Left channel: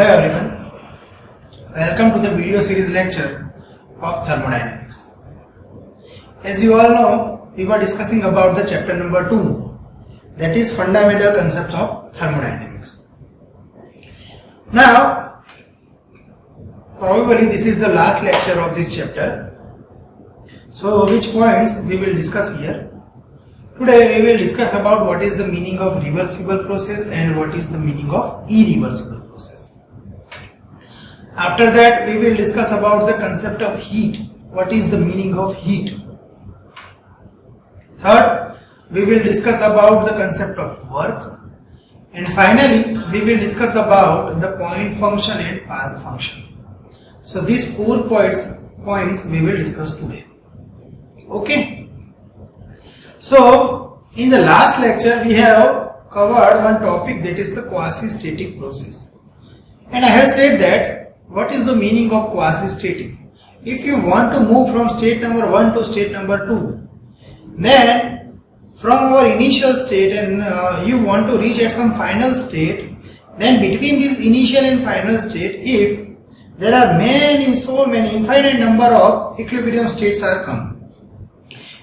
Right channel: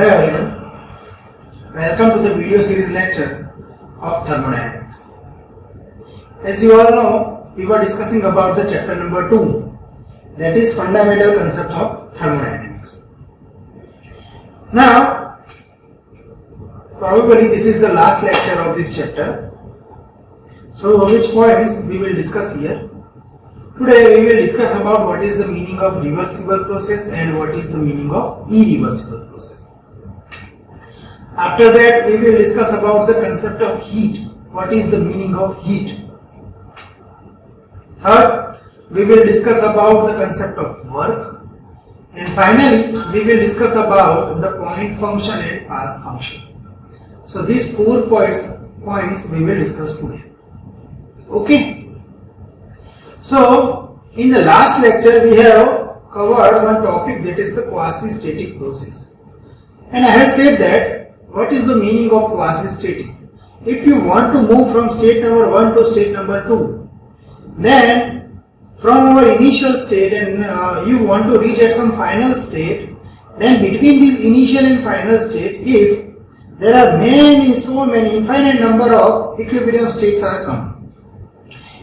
Hello everyone, welcome to the video series lecture of Thermodynamics. As you all know, we were discussing about the chapter number 2, that is fundamental concept of thermodynamics. Now, probably this is the last lecture of this chapter. So which points we will discuss here? Today we will discuss about what is the meaning of reversible process and what is the meaning of irreversible process. After that we will discuss about the concept of heat. What is the meaning of heat? Third, we will discuss about the concept of work. And finally, we will discuss about the point function and path function. So these 4 points we will discuss today. Okay. So in the last lecture we have covered one topic, that is the quasi-static process. And I have said that what is the meaning of quasi-static? If you want to move from state number 1 to state number 2, then from our initial state and you want to reach at some final state, then between this initial and final state, if there are so many infinite number of equilibrium states are come,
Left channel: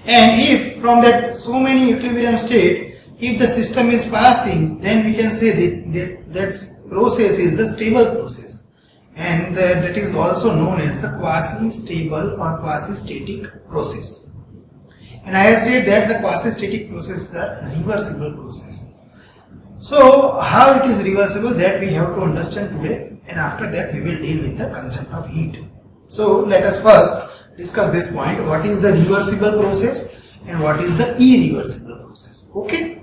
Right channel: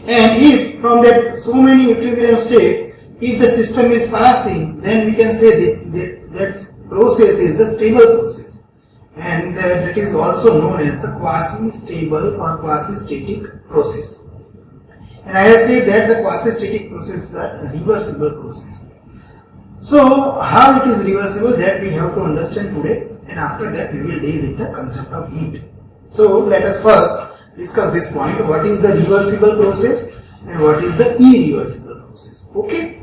and if from that so many equilibrium state, if the system is passing, then we can say that process is the stable process, and that is also known as the quasi-stable or quasi-static process. And I have said that the quasi-static process is the reversible process. So how it is reversible, that we have to understand today, and after that we will deal with the concept of heat. So let us first discuss this point, what is the reversible process and what is the irreversible process. Okay.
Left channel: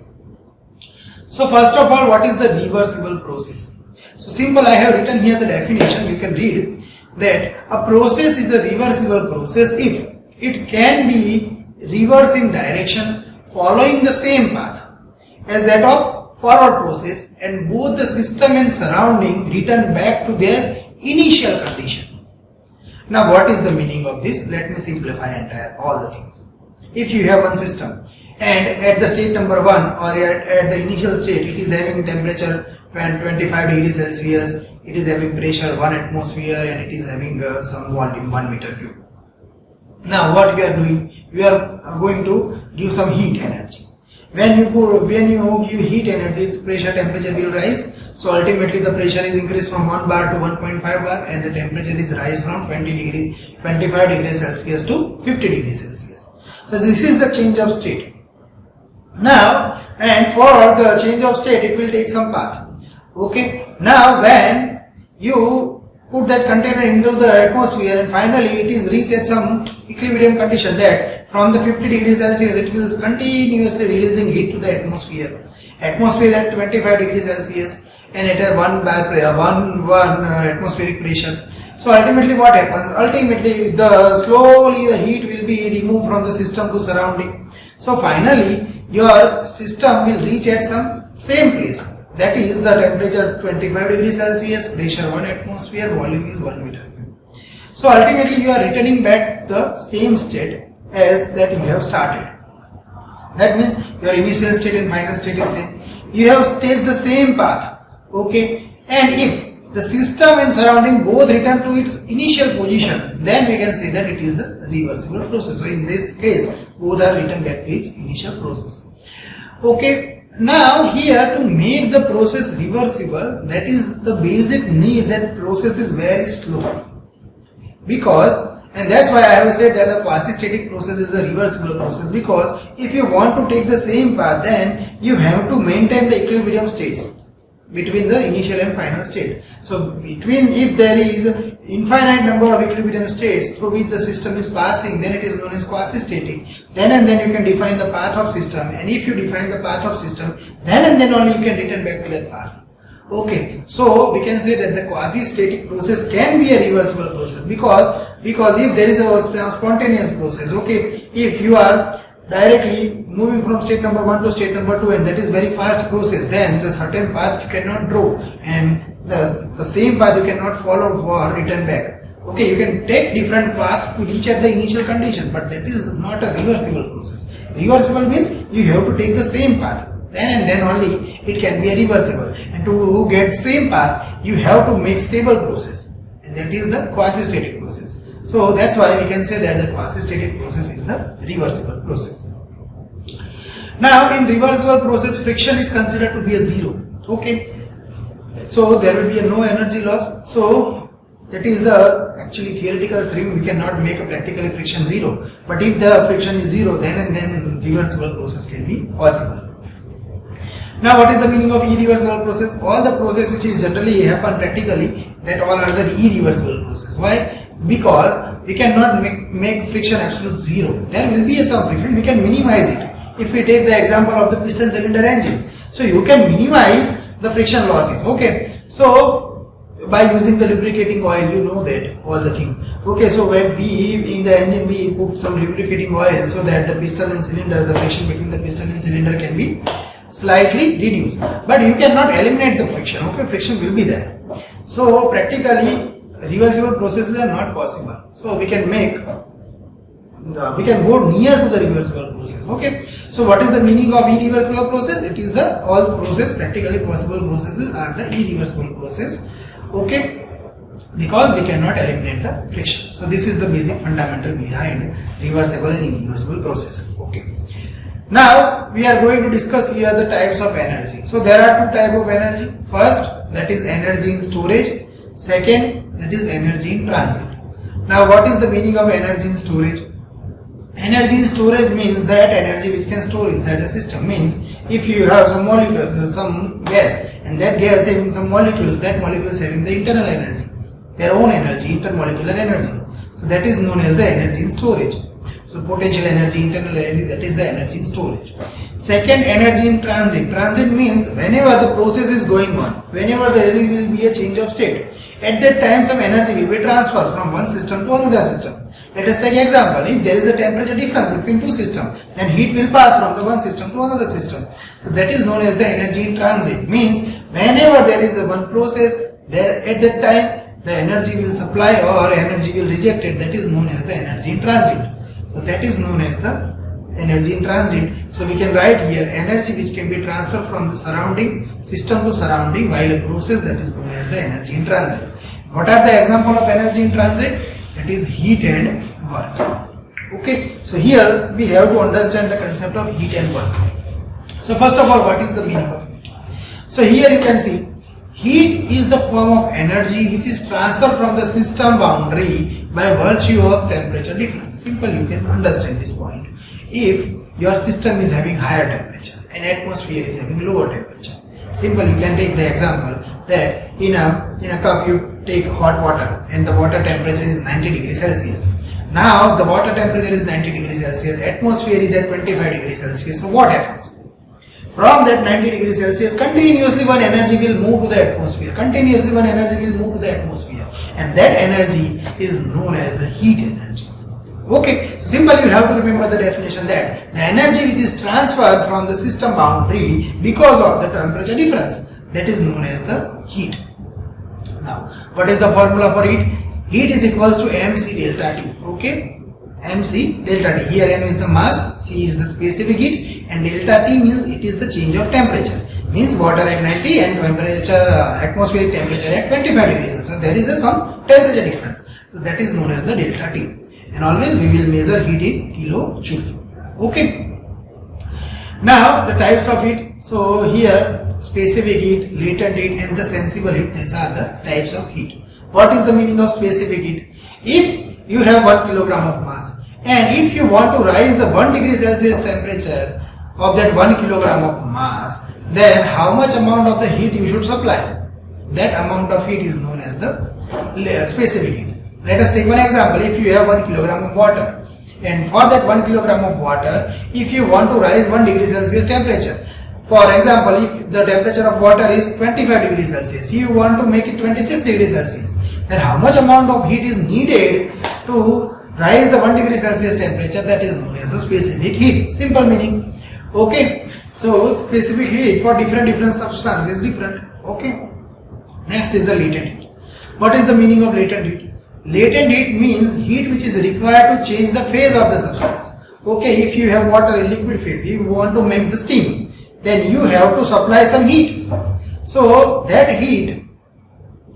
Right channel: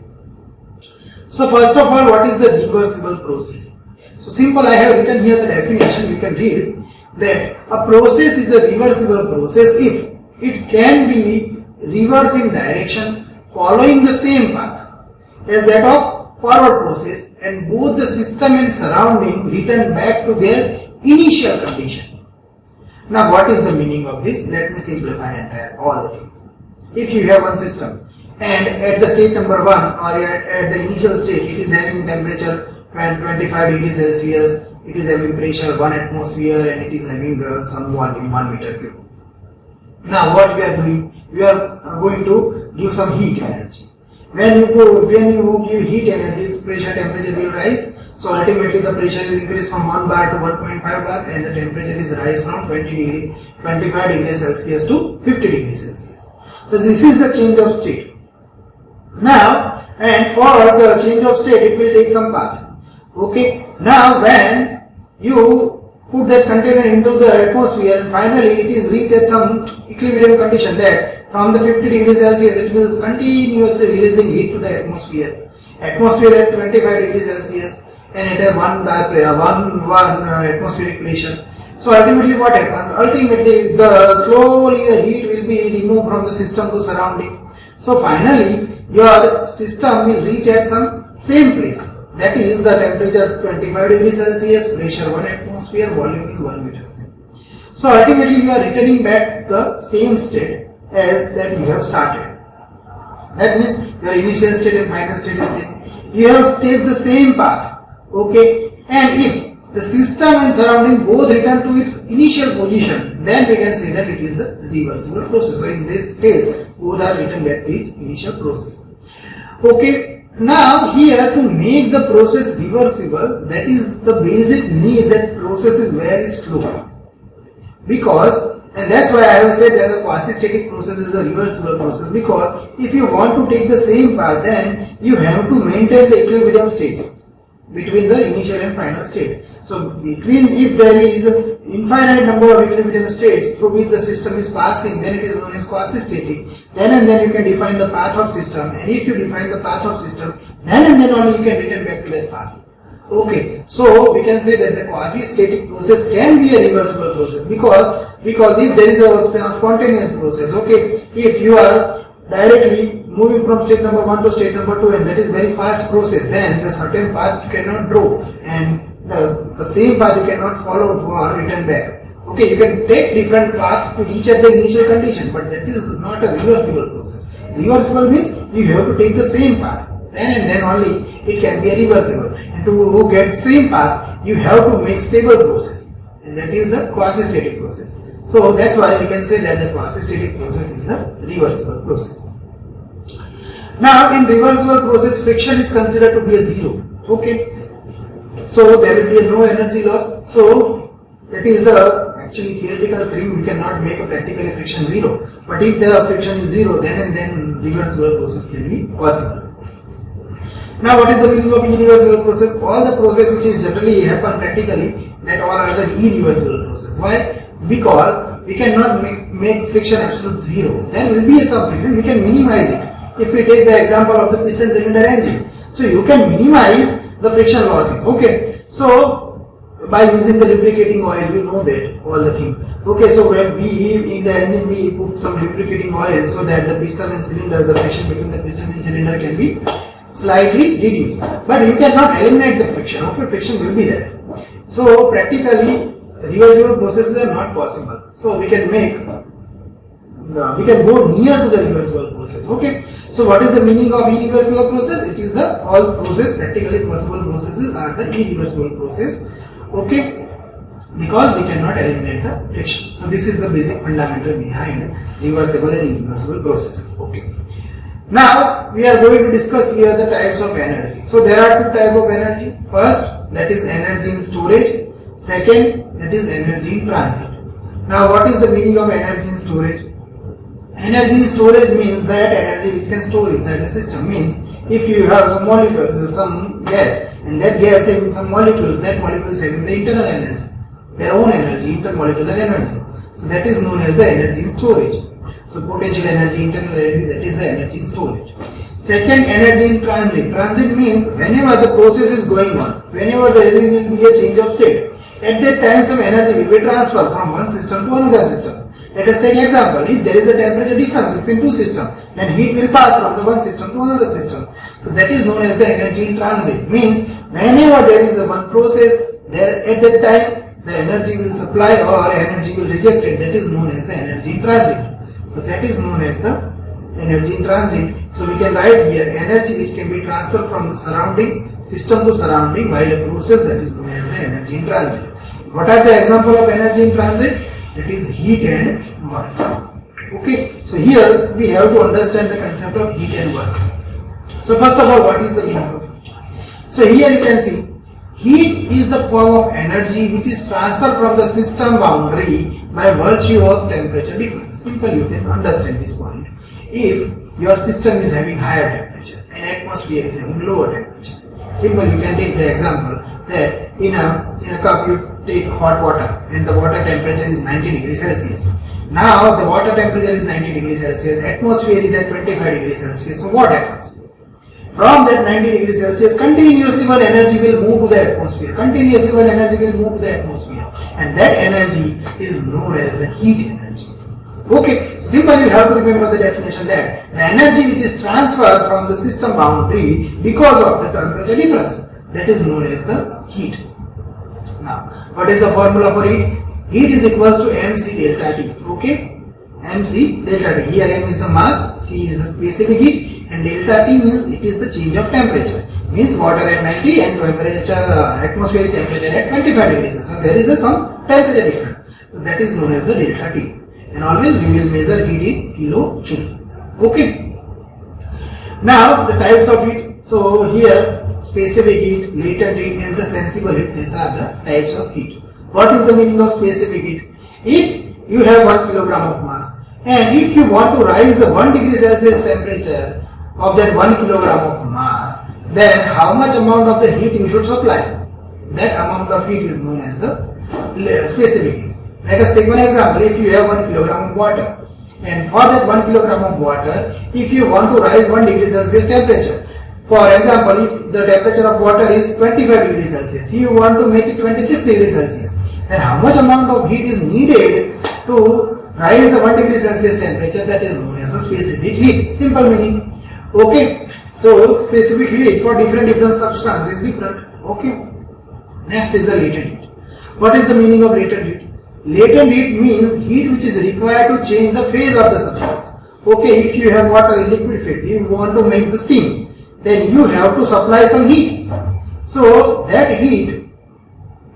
So first of all, what is the reversible process? So simple, I have written here the definition, you can read that a process is a reversible process if it can be reversed in direction following the same path as that of forward process, and both the system and surrounding return back to their initial condition. Now what is the meaning of this? Let me simplify all the things. If you have one system and at the state number 1 or at the initial state it is having temperature 25 degrees Celsius, it is having pressure 1 atmosphere and it is having some volume 1 meter cube. Now what we are doing? We are going to give some heat energy. When you give heat energy, its pressure temperature will rise. So ultimately the pressure is increased from 1 bar to 1.5 bar and the temperature is rise from 25 degrees Celsius to 50 degrees Celsius. So this is the change of state. Now, and for the change of state it will take some path. Okay. Now when you put that container into the atmosphere and finally it is reached at some equilibrium condition, that from the 50 degrees Celsius it will continuously releasing heat to the atmosphere. Atmosphere at 25 degrees Celsius and at a 1 atmospheric pressure. So ultimately what happens? Ultimately slowly the heat will be removed from the system to surrounding. So finally your system will reach at some same place. That is the temperature 25 degrees Celsius, pressure 1 atmosphere, volume is 1 meter cube. So ultimately you are returning back the same state as that you have started. That means your initial state and final state is same. You have taken the same path. Okay, and if the system and surrounding both return to its initial position, then we can say that it is the reversible process. So in this case, both are returned back to its initial process. Okay, now here to make the process reversible, that is the basic need, that process is very slow. And that's why I have said that the quasi-static process is a reversible process, because if you want to take the same path, then you have to maintain the equilibrium states between the initial and final state. So if there is infinite number of equilibrium states through which the system is passing, then it is known as quasi-static. Then and then you can define the path of system, and if you define the path of system, then and then only you can return back to that path. Okay, so we can say that the quasi-static process can be a reversible process, because if there is a spontaneous process, okay, if you are directly moving from state number 1 to state number 2 and that is very fast process, then the certain path you cannot draw and the same path you cannot follow or return back. Okay, you can take different path to reach at the initial condition, but that is not a reversible process. Reversible means you have to take the same path. then and then only it can be reversible. And to get same path, you have to make stable process, and that is the quasi-static process. So that's why we can say that the quasi-static process is the reversible process. Now in reversible process, friction is considered to be a zero. Okay, so there will be no energy loss. So that is the actually theoretical thing. We cannot make a practically friction zero. But if the friction is zero, then and then reversible process can be possible. Now what is the meaning of irreversible process? All the process which is generally happen practically, that all are the irreversible process. Why? Because we cannot make friction absolute zero. There will be some friction, we can minimize it. If we take the example of the piston cylinder engine, so you can minimize the friction losses. Okay, so by using the lubricating oil, you know that all the thing. Okay, so when we in the engine we put some lubricating oil so that the piston and cylinder, the friction between the piston and cylinder can be slightly reduced. But you cannot eliminate the friction. Okay, friction will be there. So practically reversible processes are not possible. So we can go near to the reversible process. Okay, so what is the meaning of irreversible process? It is the all process, practically possible processes are the irreversible process. Okay, because we cannot eliminate the friction. So this is the basic fundamental behind reversible and irreversible process. Okay, now we are going to discuss here the types of energy. So there are two types of energy. First, that is energy in storage. Second, that is energy in transit. Now what is the meaning of energy in storage? Energy in storage means that energy which can store inside the system. Means if you have some molecule, some gas, and that gas having some molecules, that molecules having the internal energy, their own energy, intermolecular energy. So that is known as the energy in storage. So potential energy, internal energy, that is the energy in storage. Second, energy in transit. Transit means whenever the process is going on, whenever there will be a change of state, at that time some energy will be transferred from one system to another system. Let us take example. If there is a temperature difference between two systems, then heat will pass from the one system to another system. So that is known as the energy in transit. Means whenever there is a one process, there at that time the energy will supply or energy will reject it. That is known as the energy in transit. So that is known as the energy in transit. So we can write here energy which can be transferred from the surrounding system to surrounding while a process, that is known as the energy in transit. What are the example of energy in transit? That is heat and work. Okay, so here we have to understand the concept of heat and work. So first of all, what is the meaning of heat? So here you can see heat is the form of energy which is transferred from the system boundary by virtue of temperature difference. Simple, you can understand this point. If your system is having higher temperature and atmosphere is having lower temperature, simple, you can take the example that in a cup you take hot water and the water temperature is 90 degrees Celsius. Now the water temperature is 90 degrees Celsius, atmosphere is at 25 degrees Celsius. So what happens? From that 90 degrees Celsius, continuously one energy will move to the atmosphere. Continuously one energy will move to the atmosphere. And that energy is known as the heat energy. Okay, so simply you have to remember the definition that the energy which is transferred from the system boundary because of the temperature difference, that is known as the heat. Now, what is the formula for heat? Heat is equals to mc delta T. Okay, mc delta T. Here m is the mass, c is the specific heat, and delta T means it is the change of temperature. Means water at 90 and temperature, atmospheric temperature at 25 degrees. So there is some temperature difference. So that is known as the delta T. And always we will measure heat in kilojoule. Okay. Now the types of heat. So here specific heat, latent heat, and the sensible heat. These are the types of heat. What is the meaning of specific heat? If you have 1 kilogram of mass and if you want to rise the 1 degree Celsius temperature of that 1 kilogram of mass, then how much amount of the heat you should supply? That amount of heat is known as the specific heat. Let us take one example. If you have 1 kilogram of water and for that 1 kilogram of water, if you want to rise 1 degree Celsius temperature, for example, if the temperature of water is 25 degrees Celsius, you want to make it 26 degrees Celsius, then how much amount of heat is needed to rise the 1 degree Celsius temperature? That is known as the specific heat. Simple meaning. Okay, so specific heat for different substances is different. Okay, next is the latent heat. What is the meaning of latent heat? Latent heat means heat which is required to change the phase of the substance. Okay, if you have water in liquid phase, you want to make the steam, then you have to supply some heat. So that heat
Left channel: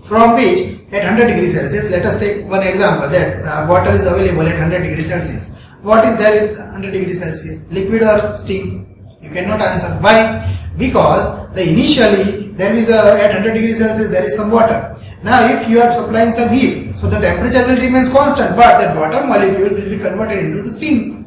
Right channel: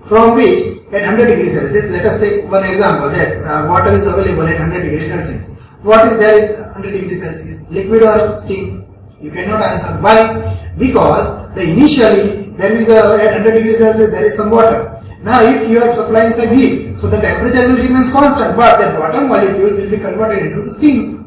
from which at 100 degrees Celsius, let us take one example that water is available at 100 degrees Celsius. What is there at 100 degrees Celsius? Liquid or steam? You cannot answer. Why? Because initially there is at 100 degrees Celsius there is some water. Now if you are supplying some heat, so the temperature will remain constant, but that water molecule will be converted into the steam.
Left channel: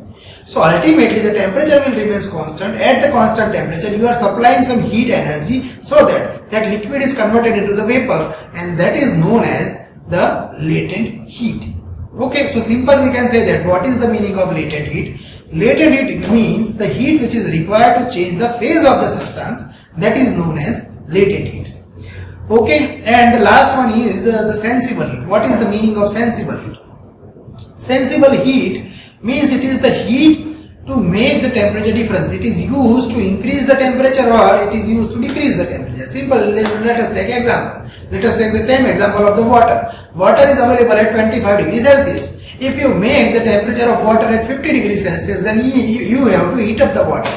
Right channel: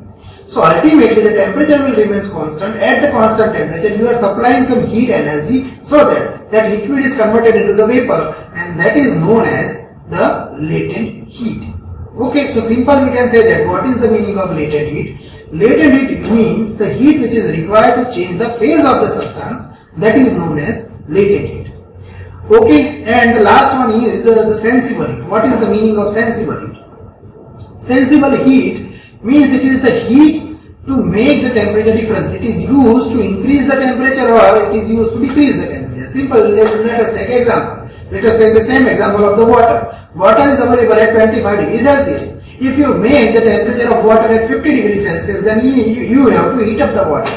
So ultimately the temperature will remain constant. At the constant temperature you are supplying some heat energy so that that liquid is converted into the vapor, and that is known as the latent heat. Okay, so simple we can say that what is the meaning of latent heat? Latent heat means the heat which is required to change the phase of the substance, that is known as latent heat. Okay, and the last one is the sensible heat. What is the meaning of sensible heat? Sensible heat means it is the heat to make the temperature difference. It is used to increase the temperature or it is used to decrease the temperature. Simple, let us take example. Let us take the same example of the water. Water is available at 25 degrees Celsius. If you make the temperature of water at 50 degrees Celsius, then you have to heat up the water.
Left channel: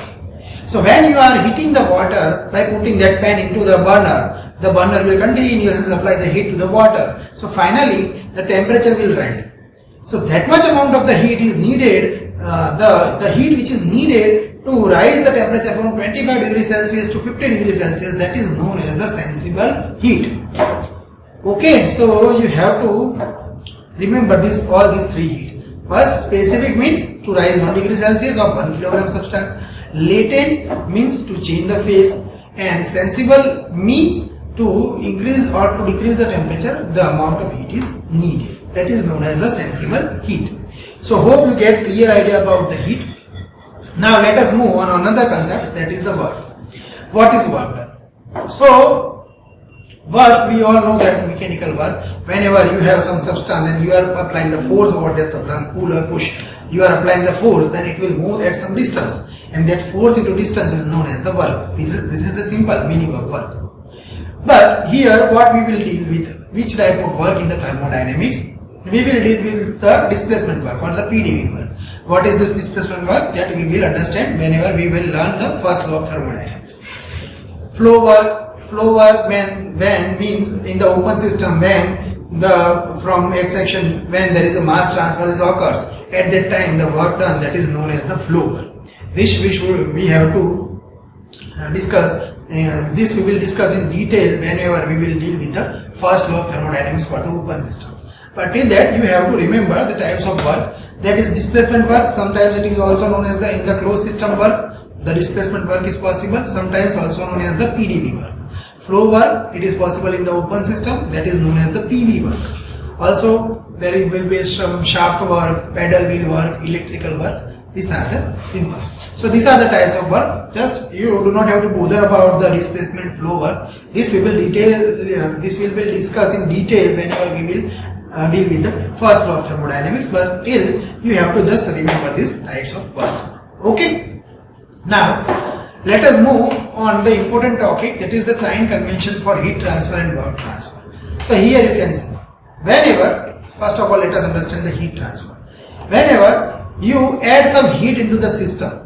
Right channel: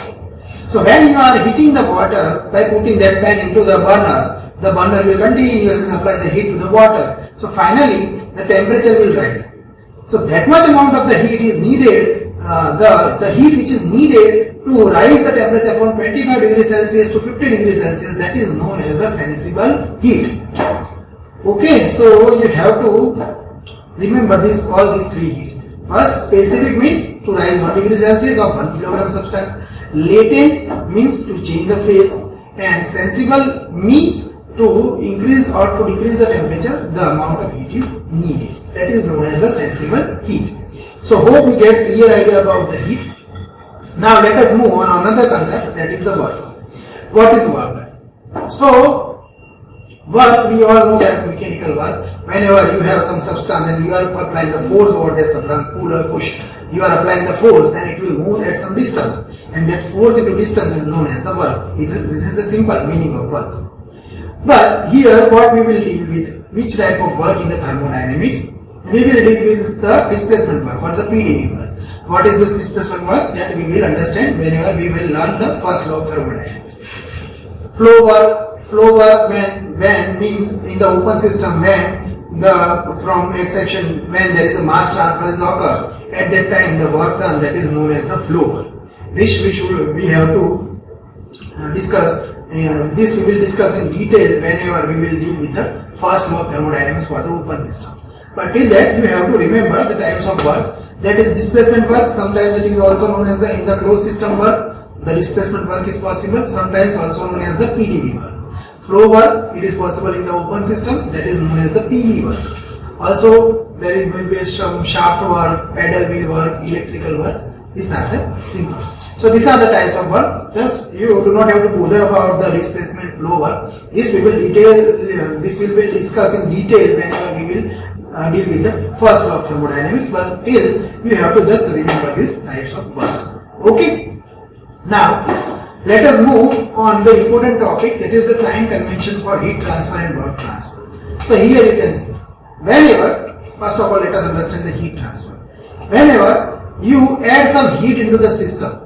So when you are heating the water by putting that pan into the burner will continuously supply the heat to the water. So finally the temperature will rise. So that much amount of the heat is needed, the heat which is needed to rise the temperature from 25 degrees Celsius to 50 degrees Celsius, that is known as the sensible heat. Okay, so you have to remember all these three heat. First, specific means to rise 1 degree Celsius of 1 kilogram substance. Latent means to change the phase, and sensible means to increase or to decrease the temperature, the amount of heat is needed. That is known as the sensible heat. So hope you get clear idea about the heat. Now let us move on another concept, that is the work. What is work done? So work, we all know that mechanical work, whenever you have some substance and you are applying the force over that substance, pull or push, you are applying the force, then it will move at some distance, and that force into distance is known as the work. This is the simple meaning of work. But here what we will deal with, which type of work in the thermodynamics? We will deal with the displacement work or the PdV work. What is this displacement work? That we will understand whenever we will learn the first law of thermodynamics. Flow work when means in the open system, when from its section, when there is a mass transfer occurs, at that time the work done, that is known as the flow work. This we have to discuss. This we will discuss in detail whenever we will deal with the first law of thermodynamics for the open system. But till that you have to remember the types of work, that is displacement work. Sometimes it is also known as in the closed system work, the displacement work is possible, sometimes also known as the PdV work. Flow work, it is possible in the open system, that is known as the PV work. Also there will be some shaft work, pedal wheel work, electrical work. These are the simple. So these are the types of work. Just you do not have to bother about the displacement flow work. This we will discuss in detail whenever we will deal with the first law of thermodynamics. But till you have to just remember these types of work. Okay. Now let us move on the important topic, that is the sign convention for heat transfer and work transfer. So here you can see, whenever, first of all let us understand the heat transfer. Whenever you add some heat into the system,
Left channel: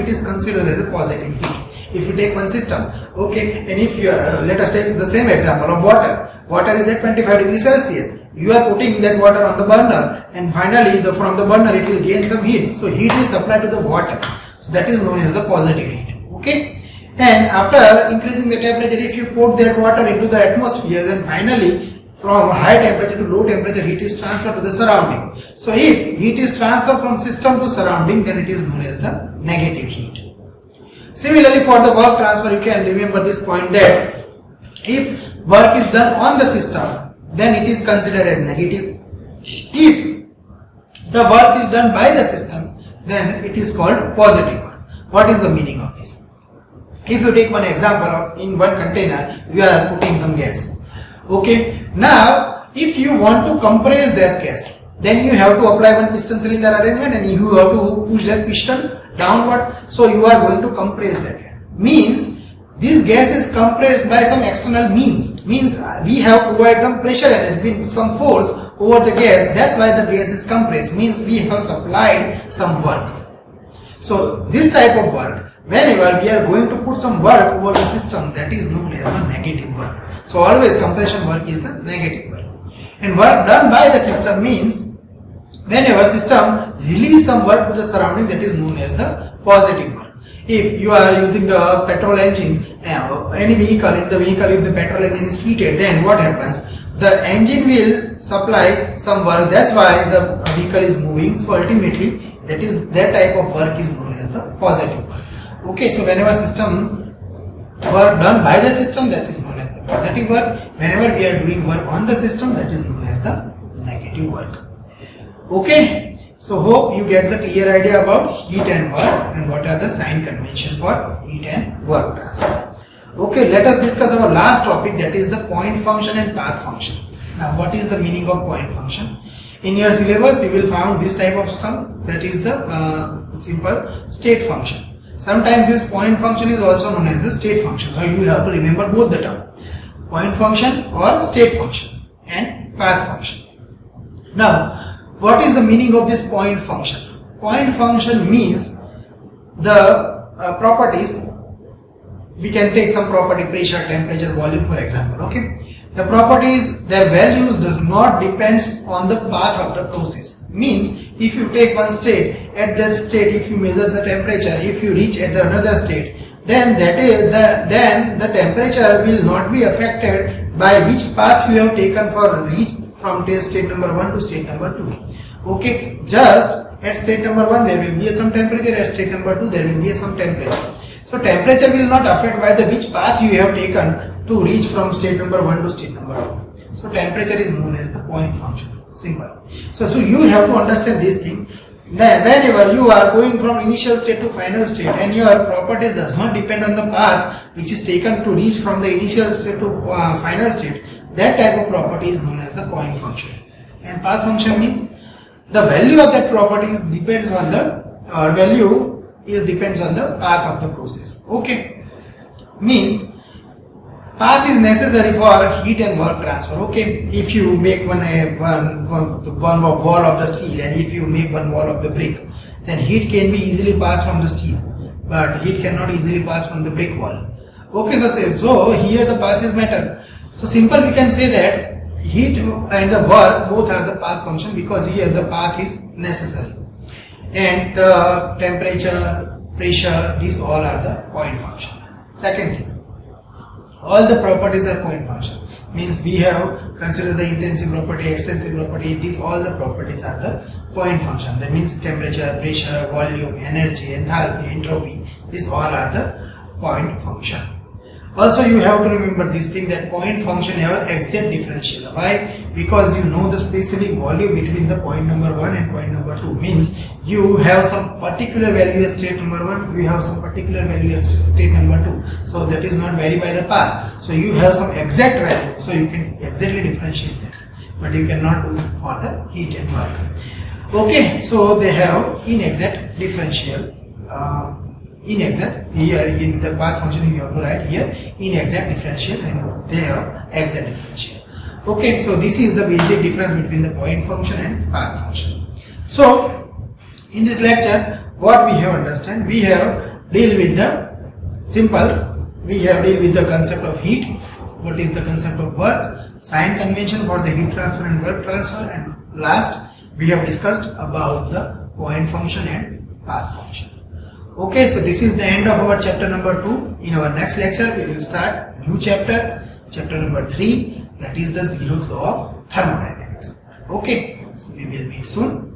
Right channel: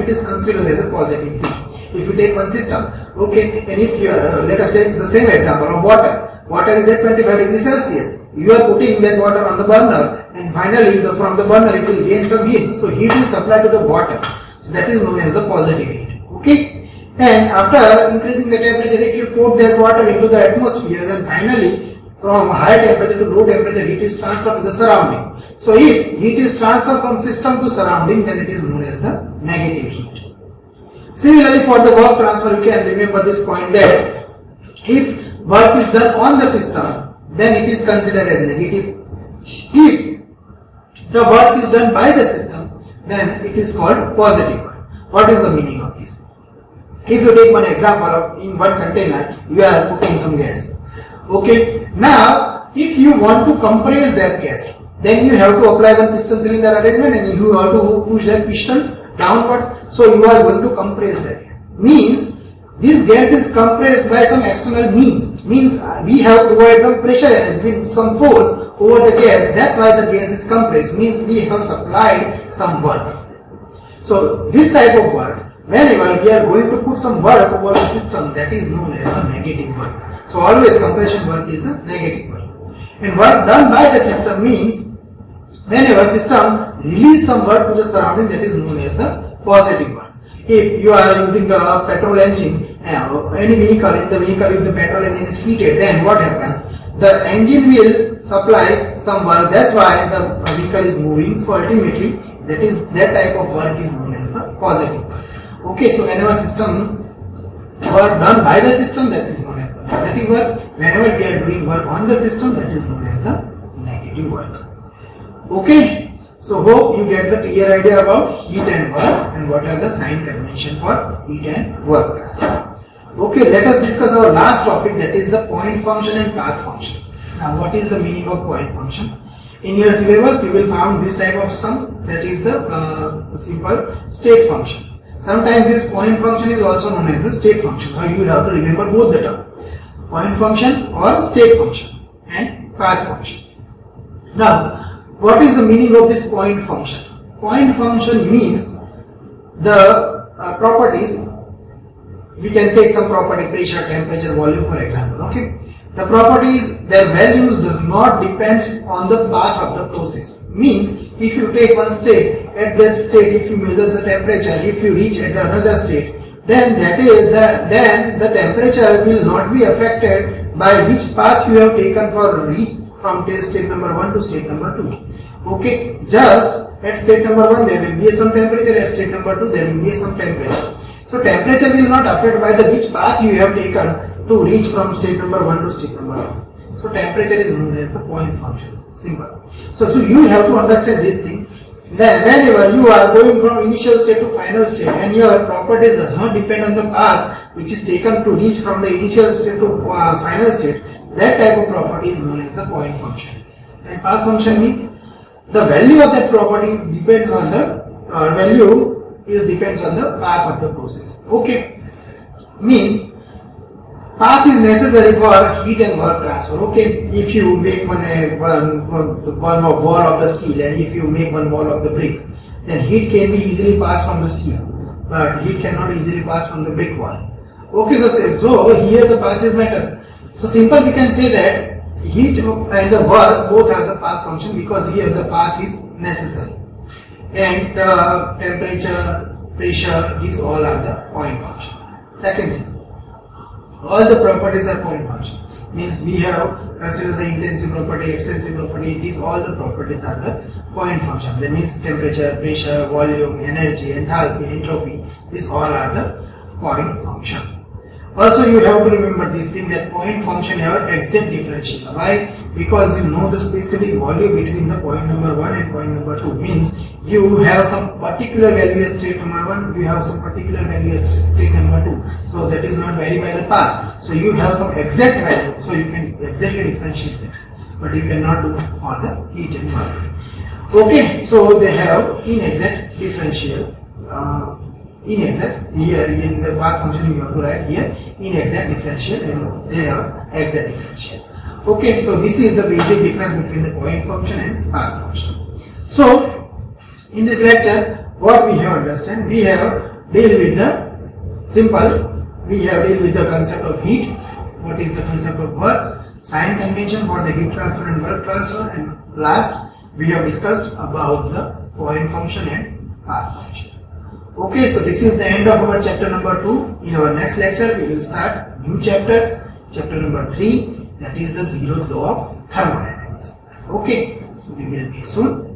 it is considered as a positive heat. If you take one system, okay, and if you let us take the same example of water. Water is at 25 degrees Celsius. You are putting that water on the burner, and finally from the burner it will gain some heat. So heat is supplied to the water. So that is known as the positive heat. Okay, and after increasing the temperature, if you put that water into the atmosphere, then finally from high temperature to low temperature, heat is transferred to the surrounding. So if heat is transferred from system to surrounding, then it is known as the negative heat. Similarly, for the work transfer, you can remember this point, that if work is done on the system, then it is considered as negative. If the work is done by the system, then it is called positive work. What is the meaning of this? If you take one example of, in one container you are putting some gas. Okay, now if you want to compress that gas, then you have to apply one piston cylinder arrangement and you have to push that piston downward. So you are going to compress that gas. Means this gas is compressed by some external means. Means we have provided some pressure energy, some force over the gas. That's why the gas is compressed. Means we have supplied some work. So this type of work, whenever we are going to put some work over the system, that is known as the negative work. So always compression work is the negative work. And work done by the system means whenever system release some work to the surrounding, that is known as the positive work. If you are using a petrol engine, any vehicle, in the vehicle if the petrol engine is fitted, then what happens? The engine will supply some work, that's why the vehicle is moving. So ultimately that type of work is known as the positive work. Okay, so whenever system work done by the system, that is known as the positive work. Whenever we are doing work on the system, that is known as the negative work. Okay, so hope you get the clear idea about heat and work and what are the sign convention for heat and work transfer. Okay, let us discuss our last topic, that is the point function and path function. Now what is the meaning of point function? In your syllabus you will find this type of term, that is the simple state function. Sometimes this point function is also known as the state function. So you have to remember both the term, point function or state function and path function. Now what is the meaning of this point function? Point function means the properties. We can take some property, pressure, temperature, volume for example. Okay, the properties, their values does not depends on the path of the process. Means if you take one state, at that state if you measure the temperature, if you reach at the another state, then the temperature will not be affected by which path you have taken for reach from state number 1 to state number 2. Okay, just at state number 1 there will be some temperature, at state number 2 there will be some temperature. So temperature will not affect by the which path you have taken to reach from state number 1 to state number 2. So temperature is known as the point function. Simple. So you have to understand this thing. Then whenever you are going from initial state to final state and your properties does not depend on the path which is taken to reach from the initial state to final state, that type of property is known as the point function. And path function means the value of that property depends on the depends on the path of the process. Okay, means path is necessary for heat and work transfer. Okay, if you make one wall of the steel and if you make one wall of the brick, then heat can be easily passed from the steel, but heat cannot easily pass from the brick wall. Okay, so here the path is matter. So simple, we can say that heat and the work both are the path function, because here the path is necessary. And the temperature, pressure, these all are the point function. Second thing, all the properties are point function. Means we have considered the intensive property, extensive property, these all the properties are the point function. That means temperature, pressure, volume, energy, enthalpy, entropy, these all are the point function. Also you have to remember this thing, that point function have exact differential. Why? Because you know the specific value between the point number 1 and point number 2. Means you have some particular value at state number 1, you have some particular value at state number 2. So that is not vary by the path. So you have some exact value, so you can exactly differentiate them. But you cannot do for the heat and work. Okay, so they have inexact differential. Inexact, here in the path function you have to write here inexact differential and they are exact differential. Okay, so this is the basic difference between the point function and path function. So in this lecture what we have understand, we have deal with the concept of heat, what is the concept of work, sign convention for the heat transfer and work transfer, and last we have discussed about the point function and path function. Okay, so this is the end of our chapter number 2. In our next lecture we will start new chapter number 3, that is the zeroth law of thermodynamics. Okay, so we will meet soon.